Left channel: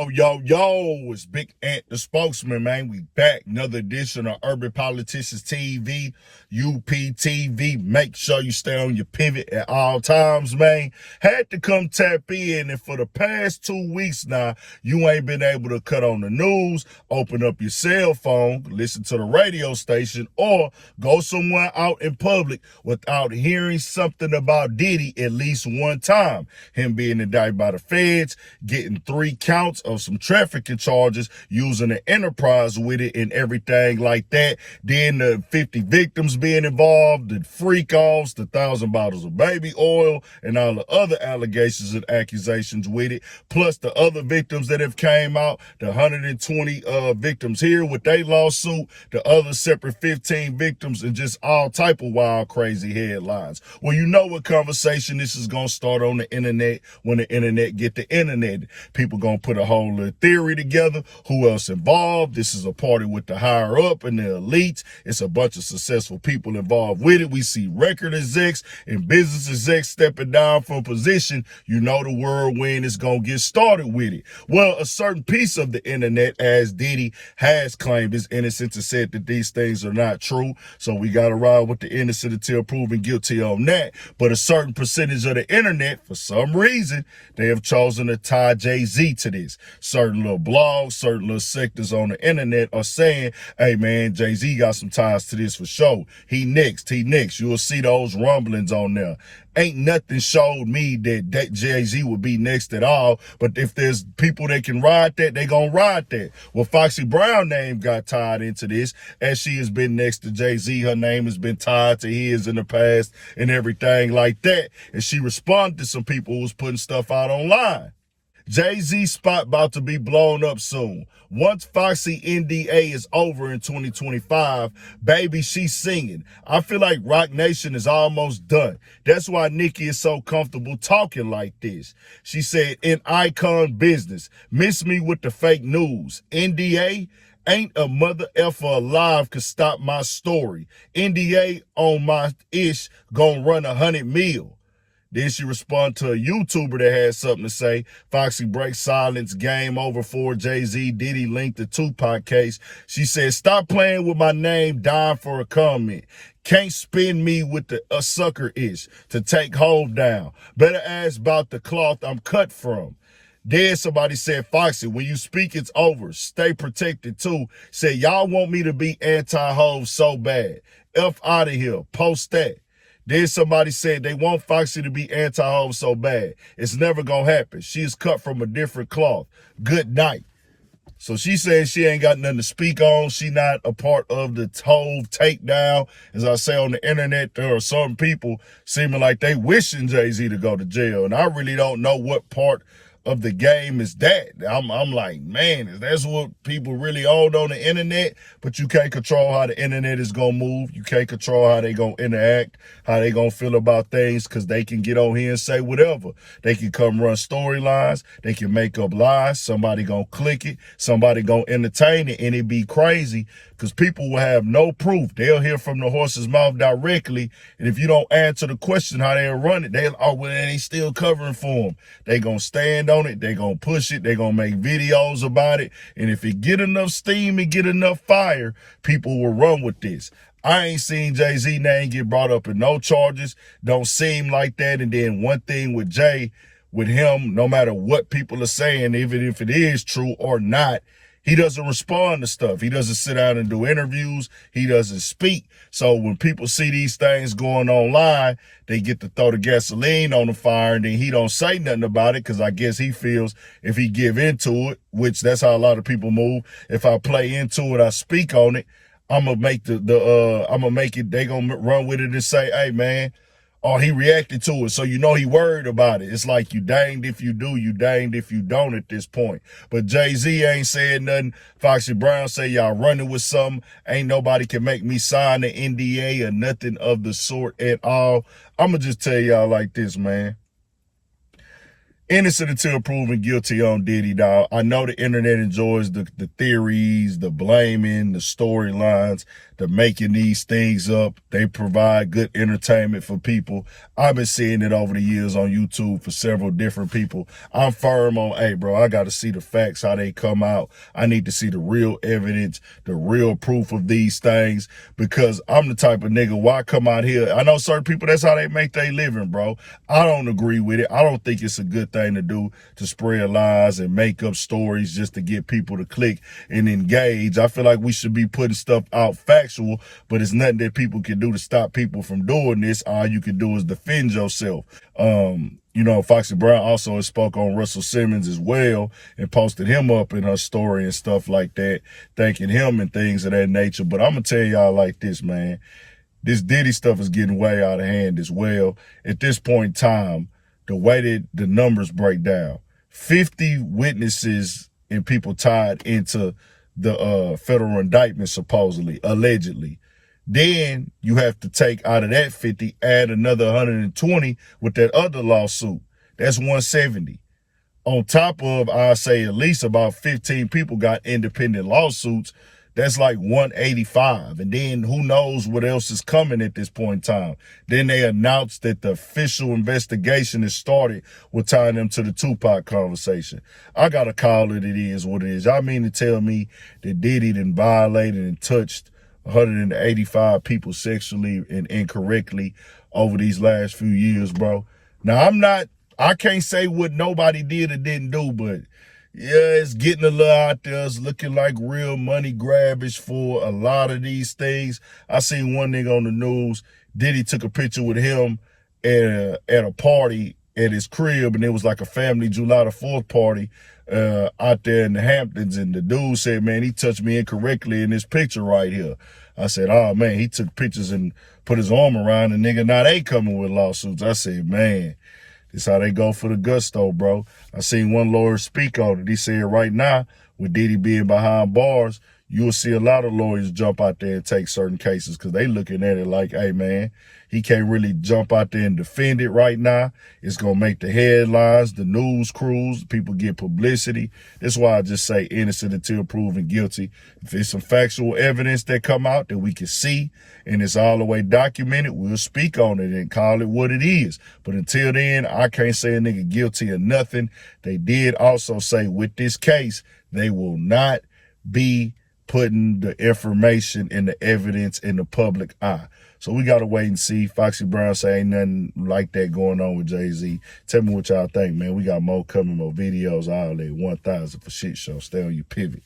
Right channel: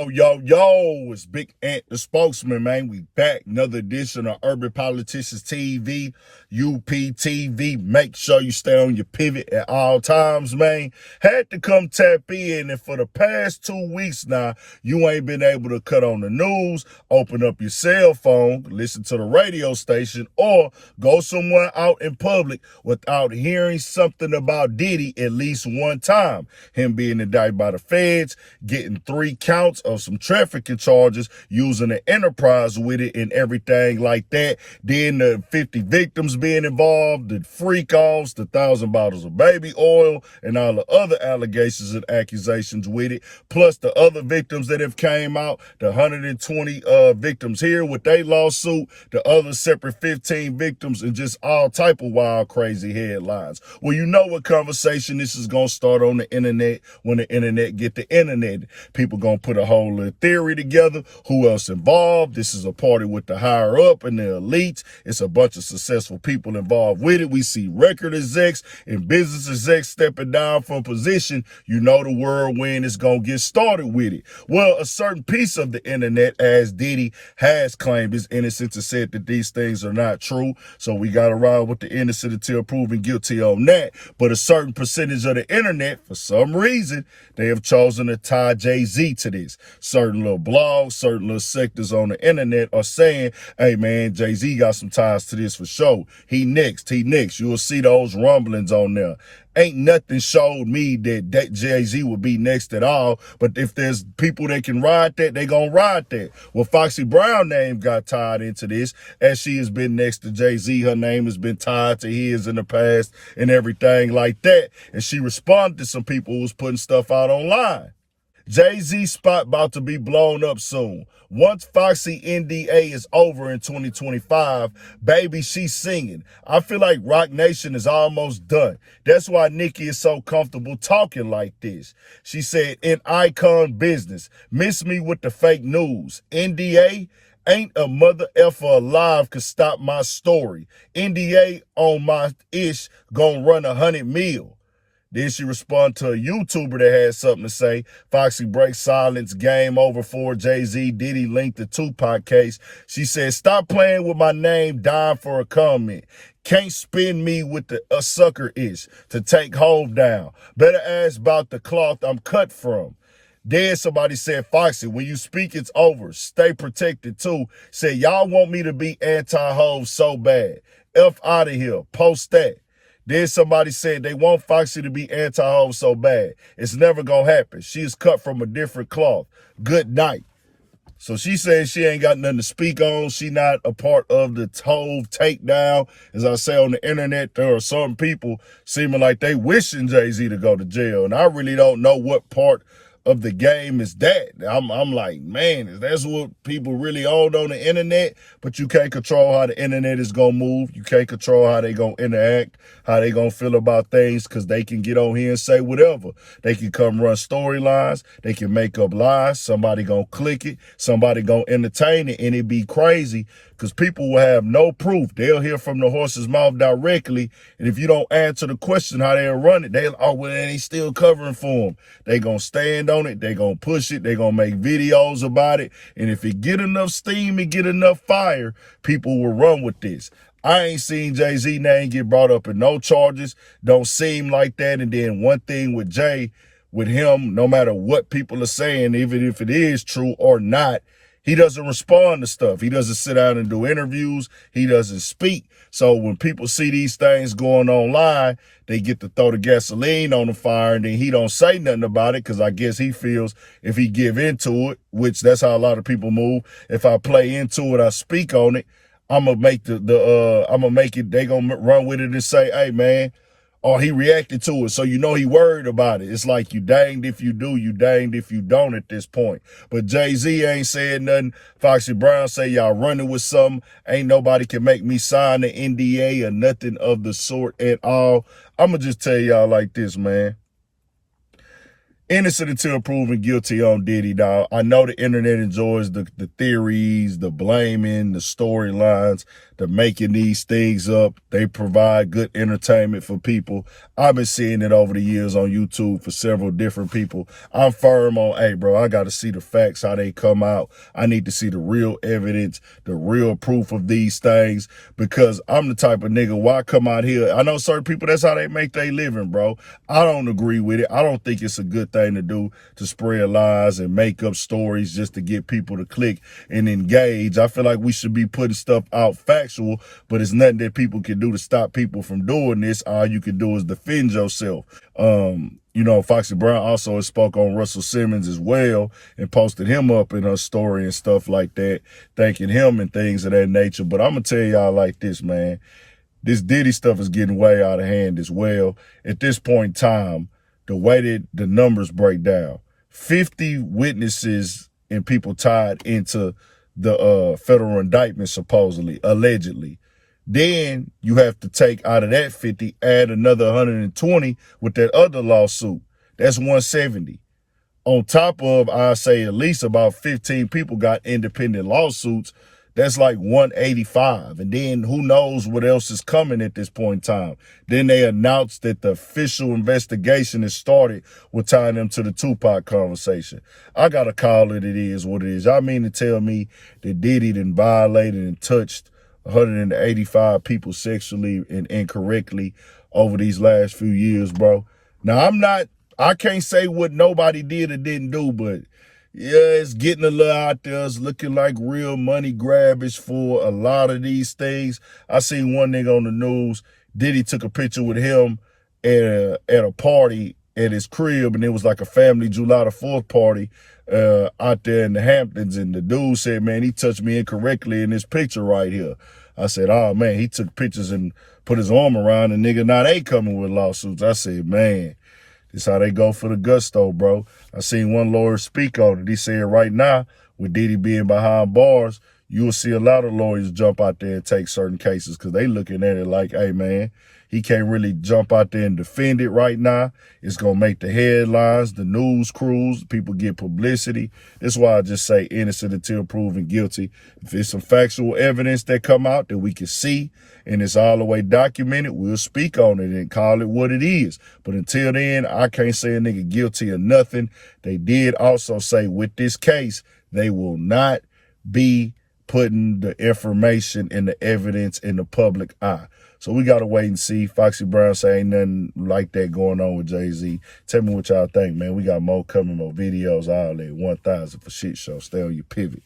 Oh, yo, it's Big Ant, the spokesman, man. We back. Another edition of Urban Politicians TV, UPTV. Make sure you stay on your pivot at all times, man. Had to come tap in, and for the past 2 weeks now, you ain't been able to cut on the news, open up your cell phone, listen to the radio station, or go somewhere out in public without hearing something about Diddy at least one time. Him being indicted by the feds, getting 3 counts of some trafficking charges, using the enterprise with it and everything like that. Then the 50 victims being involved, the freak offs, the 1,000 bottles of baby oil, and all the other allegations and accusations with it. Plus the other victims that have came out, the 120 victims here with their lawsuit, the other separate 15 victims, and just all type of wild, crazy headlines. Well, you know what conversation this is going to start on the internet when the internet get the internet. People going to put a whole little theory together. Who else involved? This is a party with the higher up and the elites. It's a bunch of successful people involved with it. We see record execs and business execs stepping down from position. You know the whirlwind is going to get started with it. Well, a certain piece of the internet, as Diddy has claimed his innocence and said that these things are not true. So we got to ride with the innocent until proven guilty on that. But a certain percentage of the internet, for some reason, they have chosen to tie Jay-Z to this. Certain little blogs, certain little sectors on the internet are saying, hey man, Jay-Z got some ties to this for sure. He next. You will see those rumblings on there. Ain't nothing showed me that Jay-Z would be next at all. But if there's people that can ride that, they gonna ride that. Well, Foxy Brown name got tied into this. As she has been next to Jay-Z, her name has been tied to his in the past and everything like that. And she responded to some people who was putting stuff out online. Jay-Z spot about to be blown up soon. Once Foxy NDA is over in 2025, baby, she's singing. I feel like Rock Nation is almost done. That's why Nicki is so comfortable talking like this. She said, in icon business, miss me with the fake news. NDA? Ain't a mother effer alive could stop my story. NDA on my ish gon' run 100 mil. Then she responded to a YouTuber that had something to say. Foxy breaks silence, game over for Jay-Z, Diddy linked the Tupac case. She said, stop playing with my name, dying for a comment. Can't spin me with the sucker ish to take hold down. Better ask about the cloth I'm cut from. Then somebody said, Foxy, when you speak, it's over. Stay protected too. Said, y'all want me to be anti-hove so bad. F out of here. Post that. Then somebody said they want Foxy to be anti-hove so bad. It's never going to happen. She is cut from a different cloth. Good night. So she says she ain't got nothing to speak on. She not a part of the Hove takedown. As I say on the internet, there are some people seeming like they wishing Jay-Z to go to jail. And I really don't know what part of the game is that. I'm like, man, is that's what people really own on the internet? But you can't control how the internet is going to move. You can't control how they going to interact, how they going to feel about things, because they can get on here and say whatever. They can come run storylines. They can make up lies. Somebody going to click it. Somebody going to entertain it, and it be crazy because people will have no proof. They'll hear from the horse's mouth directly, and if you don't answer the question how they'll run it, they still covering for them. They going to stand on it. They going to push it. They going to make videos about it, and if it get enough steam and get enough fire, people will run with this. I ain't seen Jay-Z name get brought up in no charges. Don't seem like that. And then one thing with Jay, with him, no matter what people are saying, even if it is true or not, he doesn't respond to stuff. He doesn't sit down and do interviews. He doesn't speak. So when people see these things going online, they get to throw the gasoline on the fire, and then he don't say nothing about it because I guess he feels if he give into it, which that's how a lot of people move. If I play into it, I speak on it, I'm gonna make they gonna run with it and say, hey man, or he reacted to it. So you know he worried about it. It's like you danged if you do, you danged if you don't at this point. But Jay-Z ain't saying nothing. Foxy Brown say y'all running with something. Ain't nobody can make me sign the NDA or nothing of the sort at all. I'm gonna just tell y'all like this, man. Innocent until proven guilty on Diddy, dog. I know the internet enjoys the theories, the blaming, the storylines, the making these things up. They provide good entertainment for people. I've been seeing it over the years on YouTube for several different people. I'm firm on, hey, bro, I got to see the facts, how they come out. I need to see the real evidence, the real proof of these things, because I'm the type of nigga, why come out here? I know certain people, that's how they make their living, bro. I don't agree with it. I don't think it's a good thing to do, to spread lies and make up stories just to get people to click and engage. I feel like we should be putting stuff out factual, but it's nothing that people can do to stop people from doing this. All you can do is defend yourself. You know, Foxy Brown also has spoke on Russell Simmons as well and posted him up in her story and stuff like that, thanking him and things of that nature. But I'm going to tell y'all like this, man. This Diddy stuff is getting way out of hand as well. At this point in time, the way that the numbers break down, 50 witnesses and people tied into the federal indictment, supposedly, allegedly. Then you have to take out of that 50, add another 120 with that other lawsuit. That's 170. On top of, I say at least about 15 people got independent lawsuits. That's like 185. And then who knows what else is coming at this point in time. Then they announced that the official investigation has started with tying them to the Tupac conversation. I got to call it is what it is. Y'all mean to tell me that Diddy done violated and touched 185 people sexually and incorrectly over these last few years, bro? Now, I can't say what nobody did or didn't do, but yeah, it's getting a little out there. It's looking like real money grabbage for a lot of these things. I seen one nigga on the news, Diddy took a picture with him at a party at his crib, and it was like a family July the 4th party out there in the Hamptons, and the dude said, man, he touched me incorrectly in this picture right here. I said, oh, man, he took pictures and put his arm around the nigga. Now they coming with lawsuits. I said, man, this how they go for the gusto, bro. I seen one lawyer speak on it. He said right now, with Diddy being behind bars, you will see a lot of lawyers jump out there and take certain cases because they looking at it like, hey, man, he can't really jump out there and defend it right now. It's going to make the headlines, the news crews, people get publicity. That's why I just say innocent until proven guilty. If there's some factual evidence that come out that we can see and it's all the way documented, we'll speak on it and call it what it is. But until then, I can't say a nigga guilty of nothing. They did also say with this case, they will not be putting the information and the evidence in the public eye. So we got to wait and see. Foxy Brown say ain't nothing like that going on with Jay-Z. Tell me what y'all think, man. We got more coming, more videos, all that. 1,000 for shit show. Stay on your pivot.